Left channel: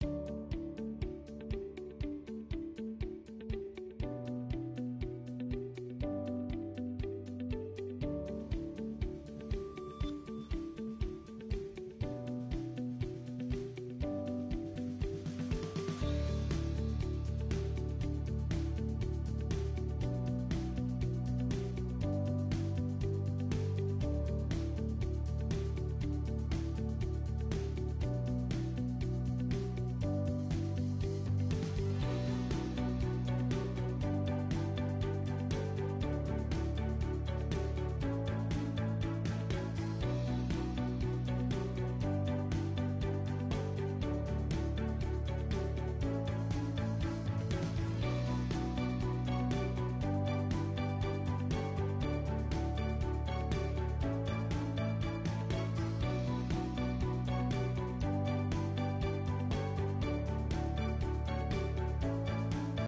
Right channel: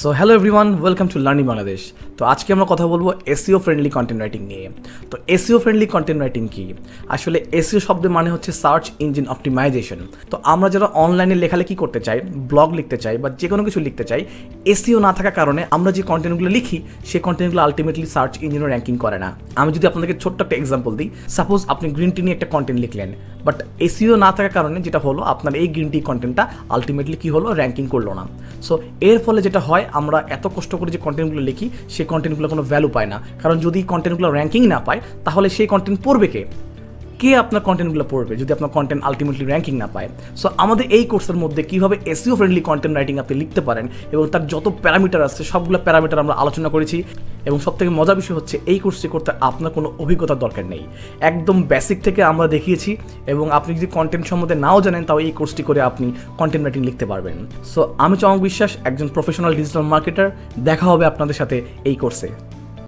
So hello everyone, welcome to learning Bangladesh. তো আজকে আমরা কথা বলবো এসইও ফ্রেন্ডলি কন্টেন্ট রাইটিং নিয়ে। তো এসইও ফ্রেন্ডলি কন্টেন্ট রাইটিং কি? আসলে এসইও শব্দের মানে হচ্ছে সার্চ ইঞ্জিন অপটিমাইজেশন। তো আমরা যারা অনলাইনে লেখালেখি করতে চাই, ব্লগ লিখতে চাই বা যে কোনো কিছু লিখতে চাই, এসইও না থাকার কারণে আমরা যে কন্টেন্টগুলো লিখি সেই কন্টেন্টগুলো আলটিমেটলি সার্চ ইঞ্জিনও র্যাঙ্কিং করে না। আমি যদি আপনাদেরকে ছোট্ট একটা এক্সাম্পল দিই, সাপোজ আপনি গ্রিন টি নিয়ে একটা কন্টেন্ট লিখলেন, বাট এসইও না থাকার কারণে যেটা হলো, আপনার এই গ্রিন টি কন্টেন্টটা আলটিমেটলি কী হলো, র্যাঙ্কিং করলো না। সো এর ফলে যেটা হয়, আমরা এত কষ্ট করে যে কন্টেন্টগুলো লিখি সেই কন্টেন্টগুলো কোনো ভ্যালু পায় না। কারণ যদি কন্টেন্টগুলো র্যাঙ্কিং না পায়, তাহলে সেই কন্টেন্ট পড়বে কে আপনার কন্টেন্টগুলো পড়বে যদি আপনার কন্টেন্ট আলটিমেটলি র্যাঙ্কিং না পায়? সো আমাদের এই কোর্সের মধ্যে কীভাবে এসইও ফ্রেন্ডলি কন্টেন্ট রাইটিং আপনি লিখতে পারেন এবং তার যত প্যারামিটার আছে সবগুলো প্যারামিটার আমরা আলোচনা করেছি। এবং সবথেকে মজার বিষয় হচ্ছে, এই কোর্সটি করতে আপনার কোনো অভিজ্ঞতার দরকার নেই, একদম বেসিক থেকে আমরা দেখিয়েছি। এবং আপনি যদি কন্টেন্ট সম্বন্ধে নাও জানেন, তাও এই কোর্সটি করে আপনি কন্টেন্ট রাইটিং লিখতে পারবেন। সো আমি চমক বিশ্বাস, একজন প্রফেশনাল ডিজিটাল মার্কেটার। দেখা হবে আপনাদের সাথে এই কোর্সে।